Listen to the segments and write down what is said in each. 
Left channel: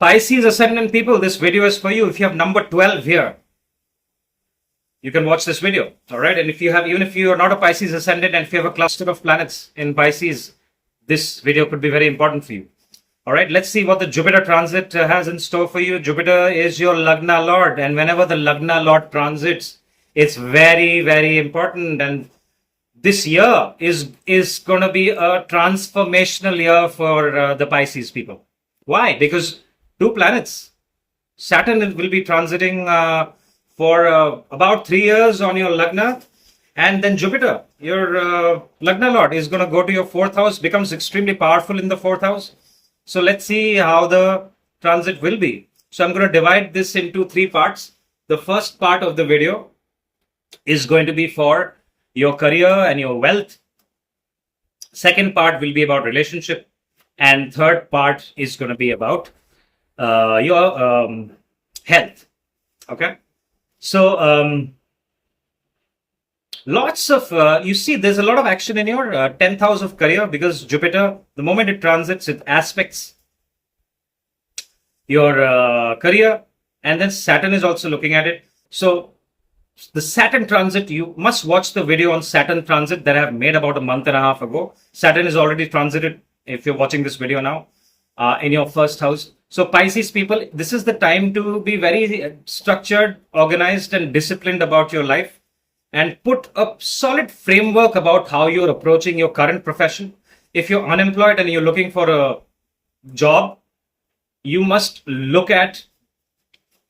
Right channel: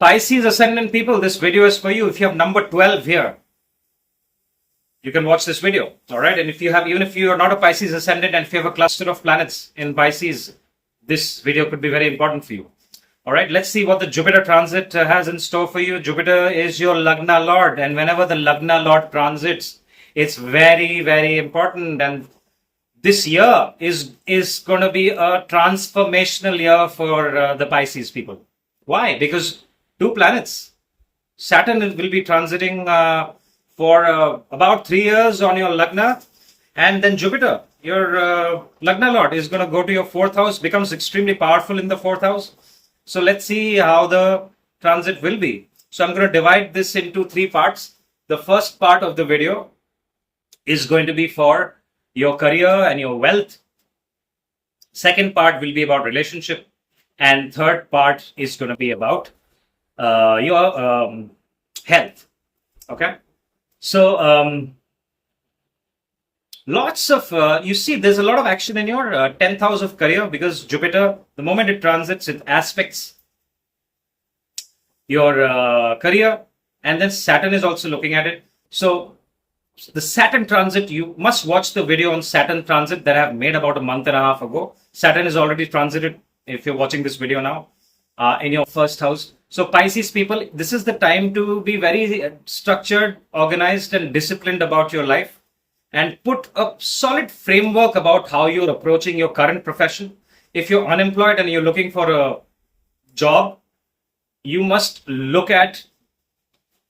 Pisces Ascendant people, this video is for you. If you have number 12 here, you can watch this video. All right. And if you have, even if you are not a Pisces Ascendant and if you have a cluster of planets in Pisces, this video could be very important for you. All right. Let's see what the Jupiter transit has in store for you. Jupiter is your Lagna Lord. And whenever the Lagna Lord transits, it's very, very important. And this year is going to be a transformational year for the Pisces people. Why? Because two planets. Saturn will be transiting for about 3 years on your Lagna. And then Jupiter, your Lagna Lord, is going to go to your 4th house, becomes extremely powerful in the 4th house. So let's see how the transit will be. So I'm going to divide this into 3 parts. The first part of the video is going to be for your career and your wealth. Second part will be about relationship. And third part is going to be about your health. Okay. So lots of, you see, there's a lot of action in your 10th house of career because Jupiter, the moment it transits, it aspects your career, and then Saturn is also looking at it. So the Saturn transit, you must watch the video on Saturn transit that I have made about a month and a half ago. Saturn is already transited, if you're watching this video now, in your 1st house. So Pisces people, this is the time to be very structured, organized, and disciplined about your life and put a solid framework about how you're approaching your current profession. If you're unemployed and you're looking for a job, you must look at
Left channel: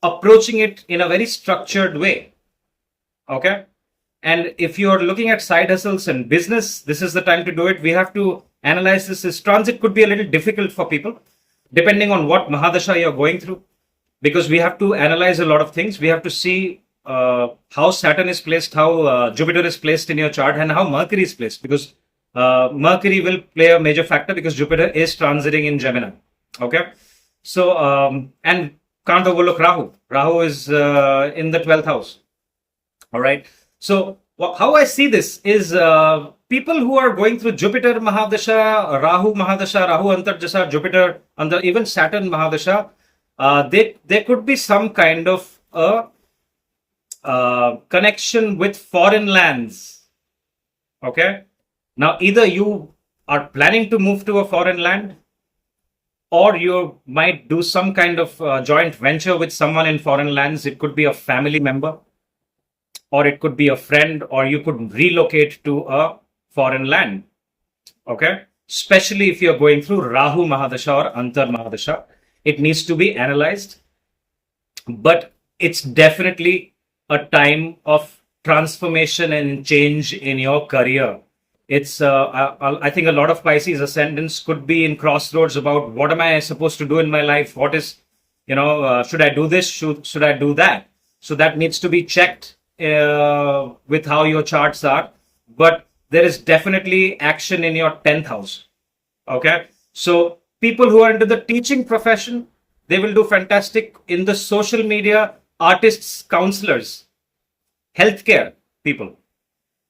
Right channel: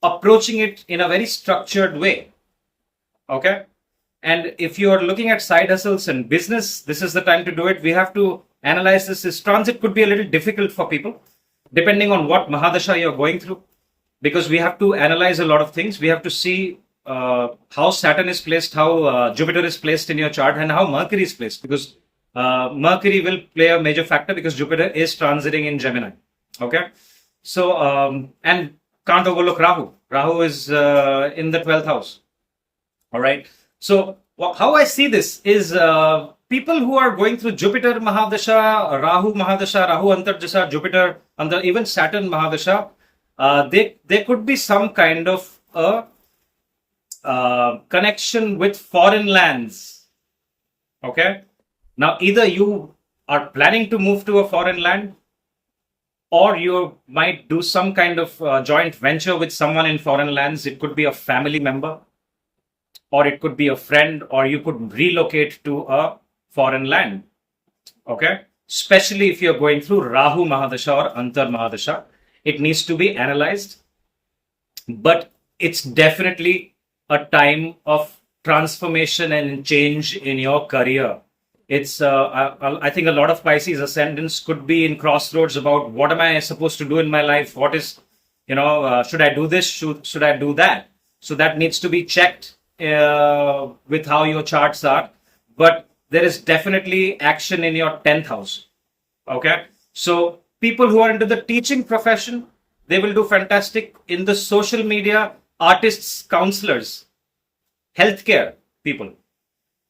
approaching it in a very structured way. Okay? And if you're looking at side hustles and business, this is the time to do it. We have to analyze this. This transit could be a little difficult for people, depending on what Mahadasha you're going through, because we have to analyze a lot of things. We have to see how Saturn is placed, how Jupiter is placed in your chart, and how Mercury is placed, because Mercury will play a major factor because Jupiter is transiting in Gemini. Okay. So, and can't overlook Rahu. Rahu is in the 12th house. All right. So how I see this is people who are going through Jupiter Mahadasha, Rahu Mahadasha, Rahu Antarjasa, Jupiter, and even Saturn Mahadasha, there could be some kind of connection with foreign lands. Okay. Now, either you are planning to move to a foreign land, or you might do some kind of joint venture with someone in foreign lands. It could be a family member, or it could be a friend, or you could relocate to a foreign land. Okay. Especially if you're going through Rahu Mahadasha or Antar Mahadasha, it needs to be analyzed. But it's definitely a time of transformation and change in your career. It's, I think a lot of Pisces ascendants could be in crossroads about what am I supposed to do in my life? What is, should I do this? Should I do that? So that needs to be checked with how your charts are. But there is definitely action in your 10th house. Okay. So people who are into the teaching profession, they will do fantastic in the social media, artists, counselors, healthcare people.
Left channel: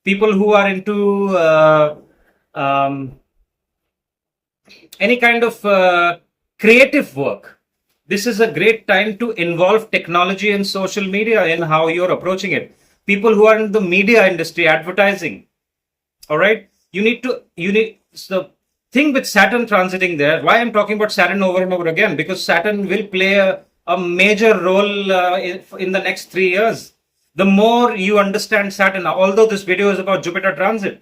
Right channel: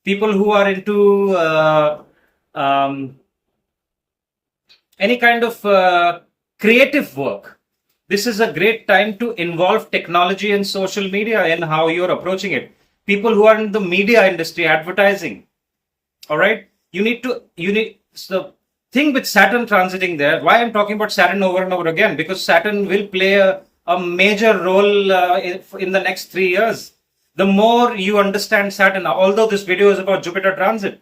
People who are into any kind of creative work. This is a great time to involve technology and social media in how you're approaching it. People who are in the media industry, advertising. All right. So the thing with Saturn transiting there, why I'm talking about Saturn over and over again, because Saturn will play a major role in the next 3 years. The more you understand Saturn, although this video is about Jupiter transit,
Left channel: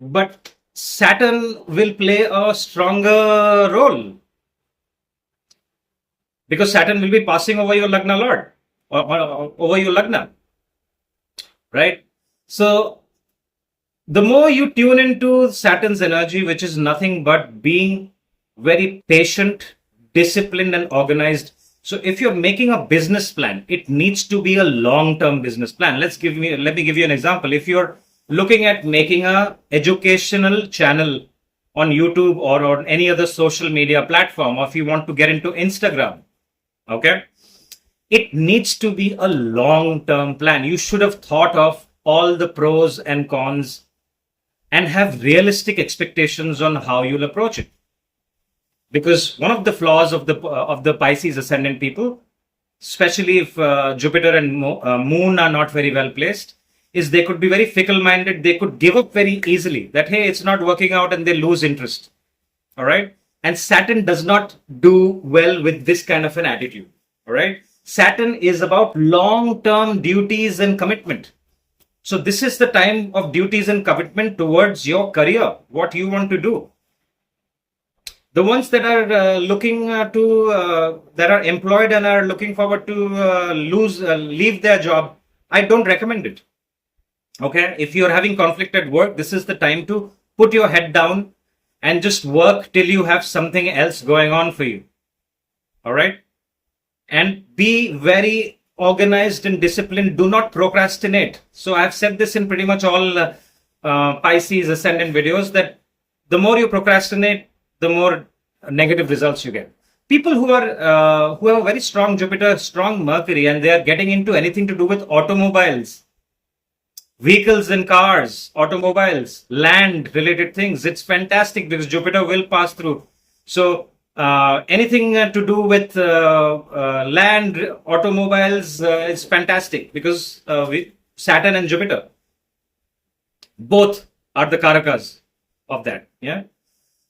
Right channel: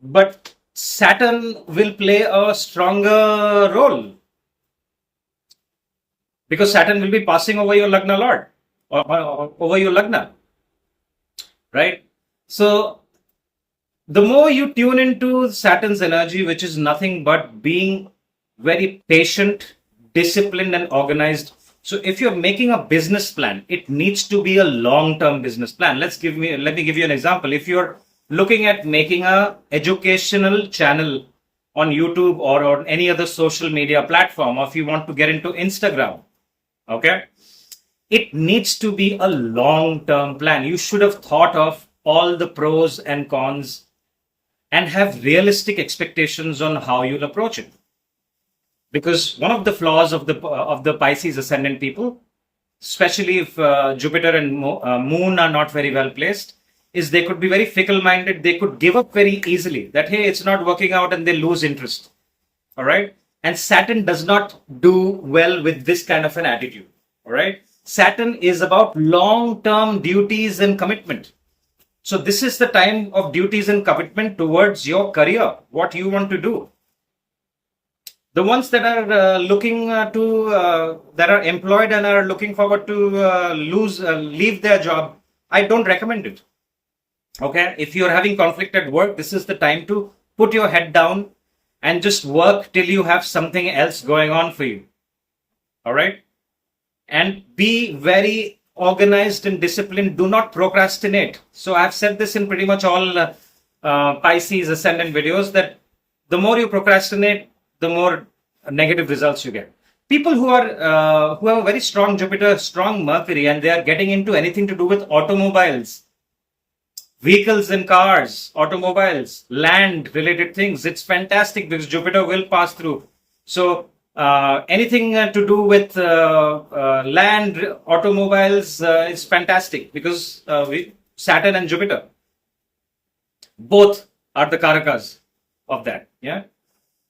but Saturn will play a stronger role because Saturn will be passing over your Lagna Lord or over your Lagna, right? So the more you tune into Saturn's energy, which is nothing but being very patient, disciplined, and organized. So if you're making a business plan, it needs to be a long-term business plan. Let me give you an example. If you're looking at making a educational channel on YouTube or on any other social media platform, or if you want to get into Instagram, okay, it needs to be a long-term plan. You should have thought of all the pros and cons and have realistic expectations on how you'll approach it. Because one of the flaws of the Pisces ascendant people, especially if Jupiter and Moon are not very well placed, is they could be very fickle-minded. They could give up very easily. That hey, it's not working out, and they lose interest. All right, and Saturn does not do well with this kind of an attitude. All right, Saturn is about long-term duties and commitment. So this is the time of duties and commitment towards your career, what you want to do. The ones that are that are employed and are looking forward to leave their job, I don't recommend it. Okay, if you're having conflict at work, this is the time to put your head down and just work till you have something else going on for you. All right, and be very organized and disciplined. Do not procrastinate. So I've said this in pretty much all Pisces ascendant videos that the more you procrastinate, the more negative results you get. People who have a very strong Jupiter, strong Mercury, and they are getting into anything to do with automobiles, vehicles and cars, automobiles, land related things, it's fantastic because Jupiter will pass through. So anything to do with land, automobiles is fantastic because Saturn and Jupiter both are the karakas of that. Yeah.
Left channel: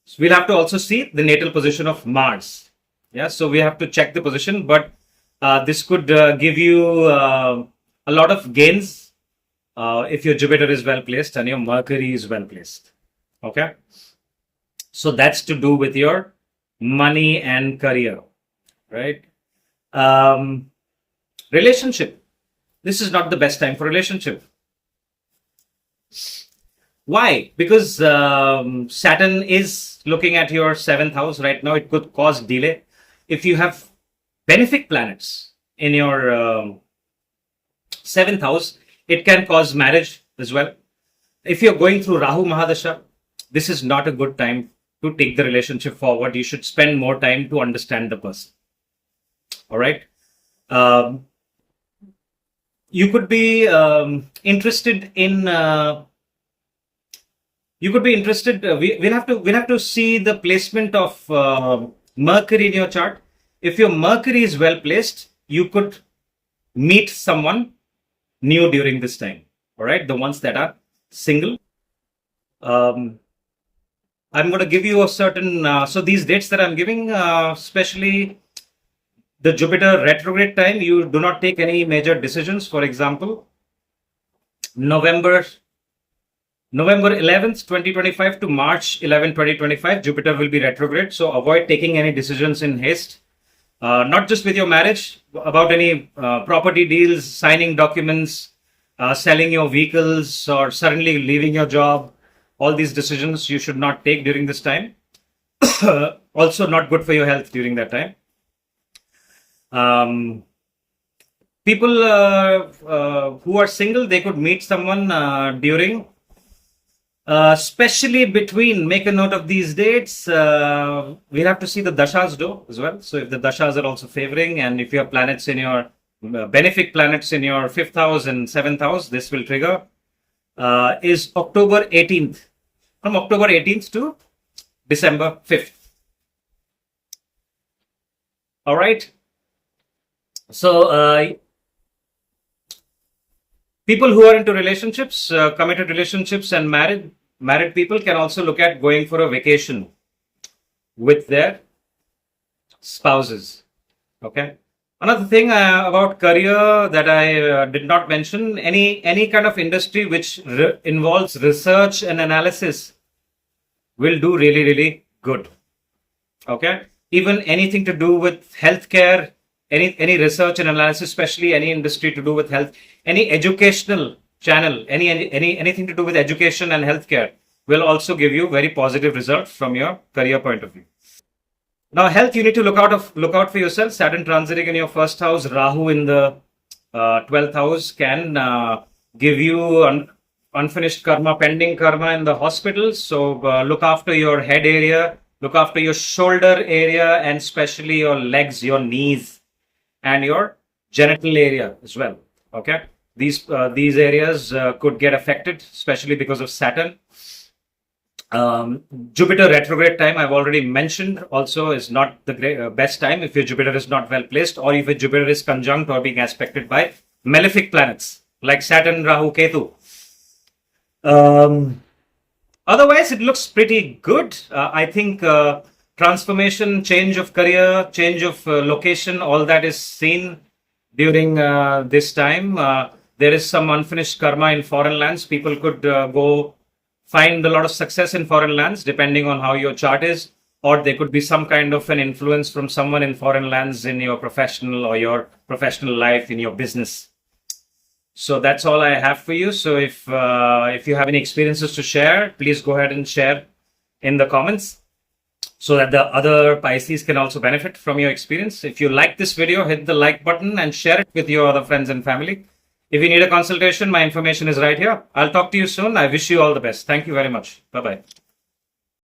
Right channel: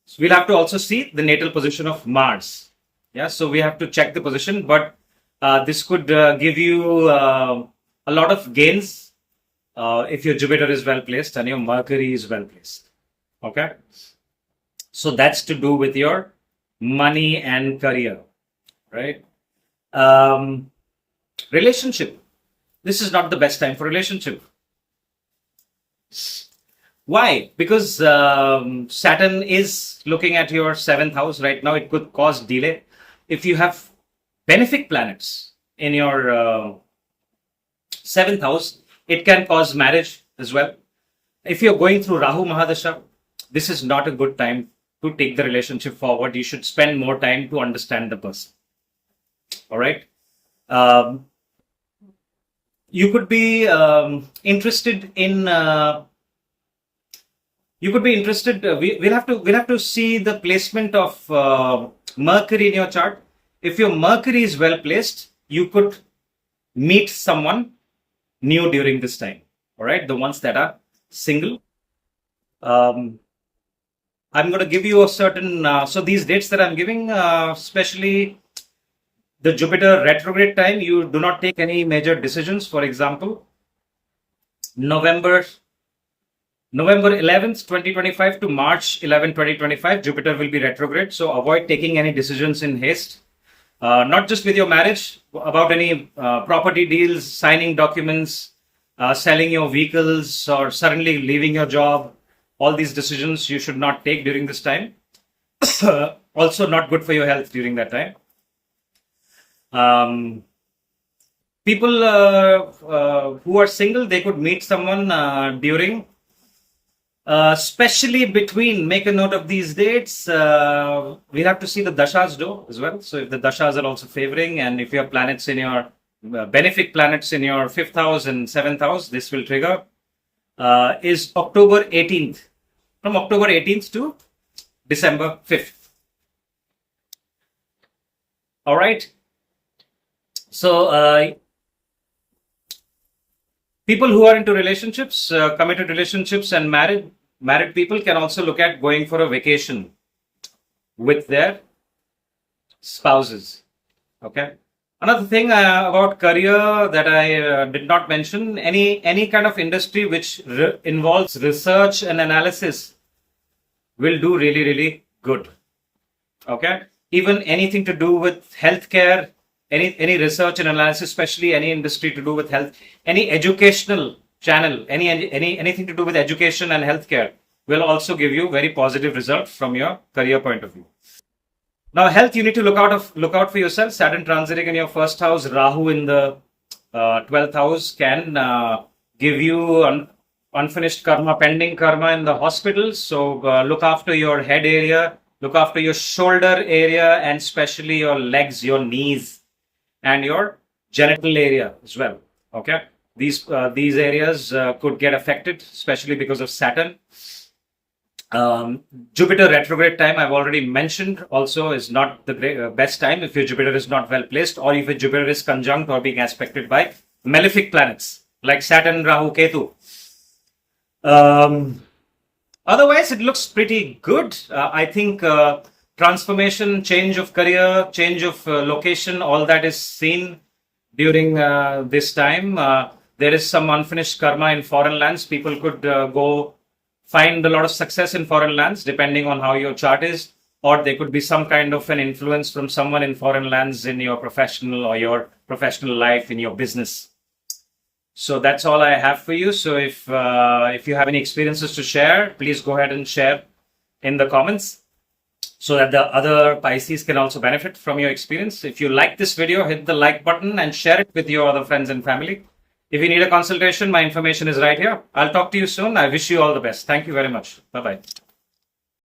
So we'll have to also see the natal position of Mars. Yeah, so we have to check the position, but this could give you a lot of gains if your Jupiter is well placed and your Mercury is well placed. Okay, so that's to do with your money and career, right? Relationship. This is not the best time for relationship. Why? Because Saturn is looking at your 7th house right now. It could cause delay. If you have benefic planets in your 7th house, it can cause marriage as well. If you're going through Rahu Mahadasha, this is not a good time to take the relationship forward. You should spend more time to understand the person. All right. You could be interested in... we'll have to see the placement of Mercury in your chart. If your Mercury is well placed, you could meet someone new during this time. All right, the ones that are single. I'm going to give you a certain. So these dates that I'm giving, especially the Jupiter retrograde time, you do not take any major decisions. For example, November 11th, 2025 to March 11, 2025, Jupiter will be retrograde. So avoid taking any decisions in haste. Not just with your marriage, about any property deals, signing documents, selling your vehicles, or suddenly leaving your job. All these decisions you should not take during this time. Also not good for your health during that time. People who are single, they could meet someone during... especially between, make a note of these dates. We'll have to see the dashas do as well. So if the dashas are also favoring, and if you have planets in your benefic planets in your 5th house and 7th house, this will trigger. Is October 18th. From October 18th to December 5th. All right. So people who are into relationships, committed relationships and married people can also look at going for a vacation with their spouses. Okay. Another thing about career that I did not mention, any kind of industry which involves research and analysis will do really, really good. Okay. Even anything to do with healthcare, any research and analysis, especially any industry to do with health, any educational channel, anything to do with education and healthcare will also give you very positive results from your career point of view. Now, health, you need to look out for yourself. Saturn transiting in your 1st house, Rahu in the 12th house can give you unfinished karma, pending karma in the hospital. So look after your head area, look after your shoulder area, and especially your legs, your knees, and your genital area as well. Okay, these areas could get affected, especially because of Saturn. Jupiter retrograde time, I've already mentioned, also is not the best time if your Jupiter is not well placed, or if your Jupiter is conjunct or being aspected by malefic planets like Saturn, Rahu, Ketu. Otherwise, it looks pretty good. I think transformation, change of career, change of location, all that is seen during this time. There is some unfinished karma in foreign lands. People could go find a lot of success in foreign lands depending on how your chart is, or there could be some kind of an influence from someone in foreign lands in your professional or your professional life, in your business. So that's all I have for you. So if you have any experiences to share, please go ahead and share in the comments so that the other Pisces can also benefit from your experience. If you like this video, hit the like button and share it with your other friends and family. If you need a consultation, my information is right here. I'll talk to you soon. I wish you all the best. Thank you very much. Bye-bye.